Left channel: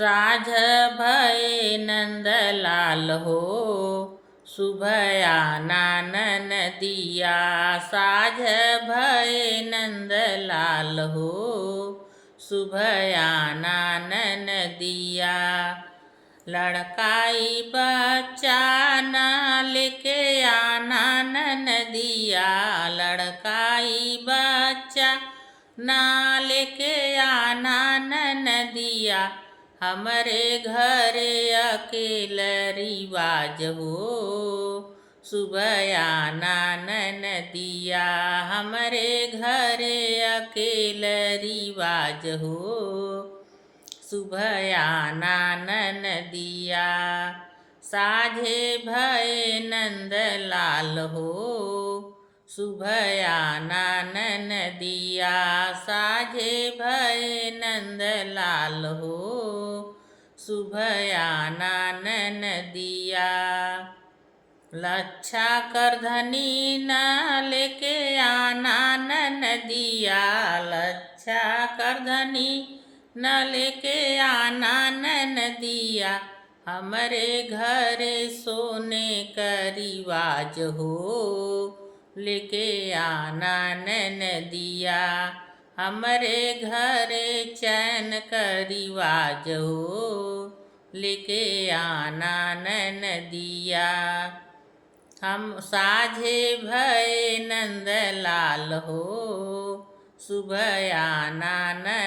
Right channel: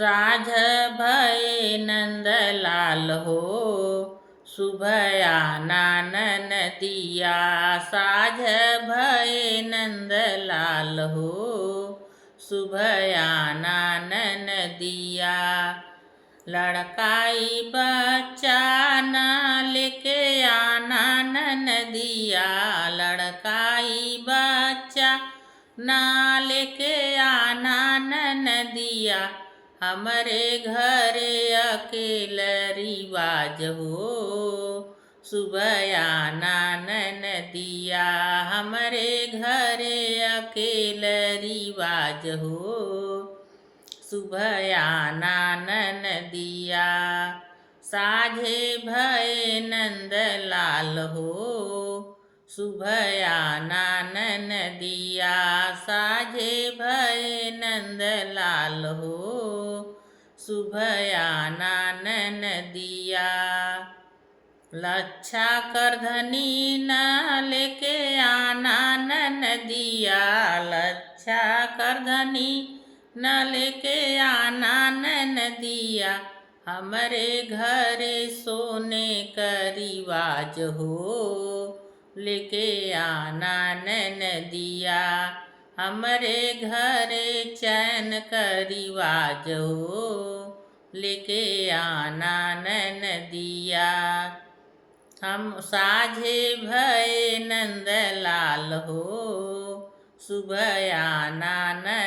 साझ भये नंदलाल हो, शुभयाना नदिया। साझ भये नंदलाल हो, शुभयाना नदिया। लड़काई बच्चा ना लेके आना नदिया। लड़काई बच्चा ना लेके आना नदिया। हमरे घरे अकेल रिवाज हो, शुभयाना नदिया। हमरे घरे अकेल रिवाज हो, शुभयाना नदिया। साझे भये नंदलाल हो, शुभयाना नदिया। साझे भये नंदलाल हो, शुभयाना नदिया। लच्छा करधनी न लेके आना नदिया। लच्छा करधनी न लेके आना नदिया। हमरे घरे सोने का रिवाज हो, लेके आना नदिया। हमरे घरे चैन का रिवाज हो, लेके आना नदिया। हम साझे भये नंदलाल हो, शुभयाना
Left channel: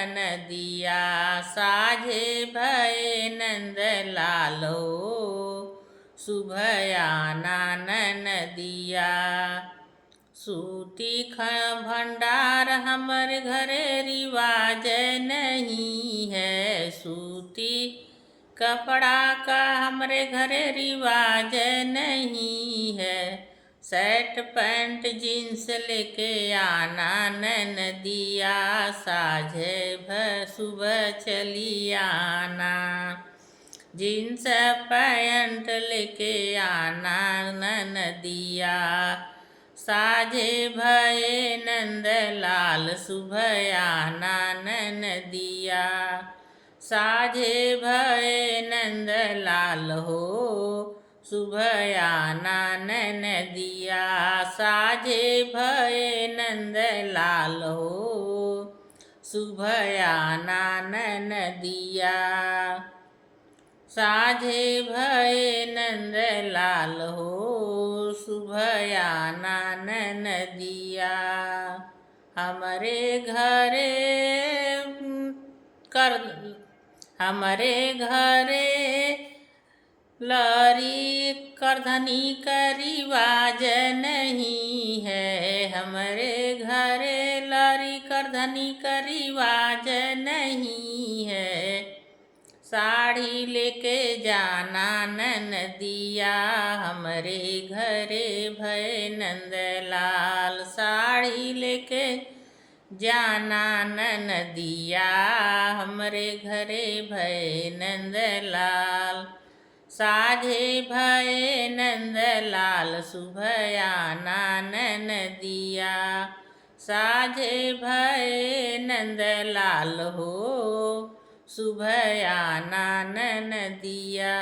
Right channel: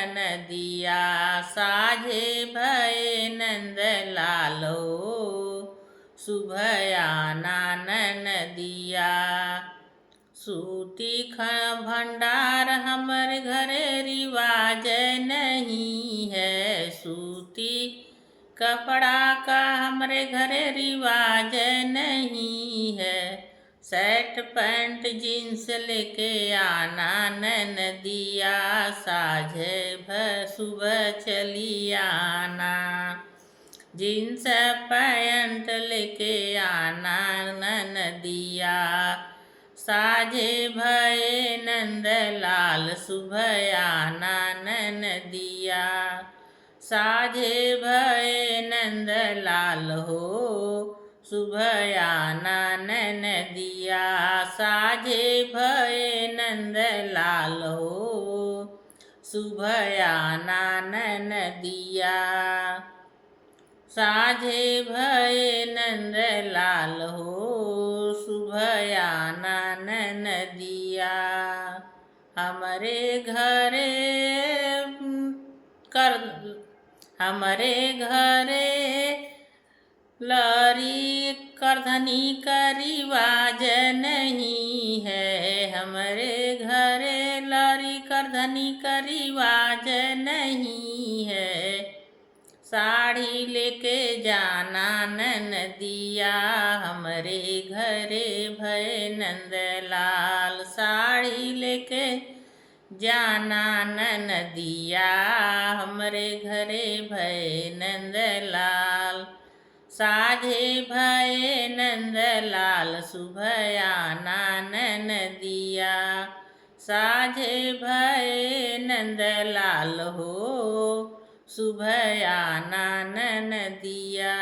नदिया। साझे भये नंदलाल हो, शुभयाना नदिया। सूती भंडार हमरे घरे रिवाज नहीं है। सूती कपड़ा का हमरे घरे रिवाज नहीं है। शर्ट पैंट जीन्स लेके आना नदिया। साझे सुबह चली आना। जीन्स पैंट लेके आना नदिया। साझे भये नंदलाल, शुभयाना नदिया। साझे भये नंदलाल हो, शुभयाना नदिया। साझे भये नंदलाल हो, शुभयाना नदिया। साझे भये नंदलाल हो, शुभयाना नदिया। हमरे घरे लरी करधनी का रिवाज नहीं है। हमरे घरे लरी करधनी का रिवाज नहीं है। साड़ी लेके जाना नदिया। हमरे घरे भये नंदलाल, साड़ी लेके जाना नदिया। हमरे घरे भये नंदलाल। साझे भये नंदलाल, शुभयाना नदिया। साझे भये नंदलाल हो, शुभयाना नदिया।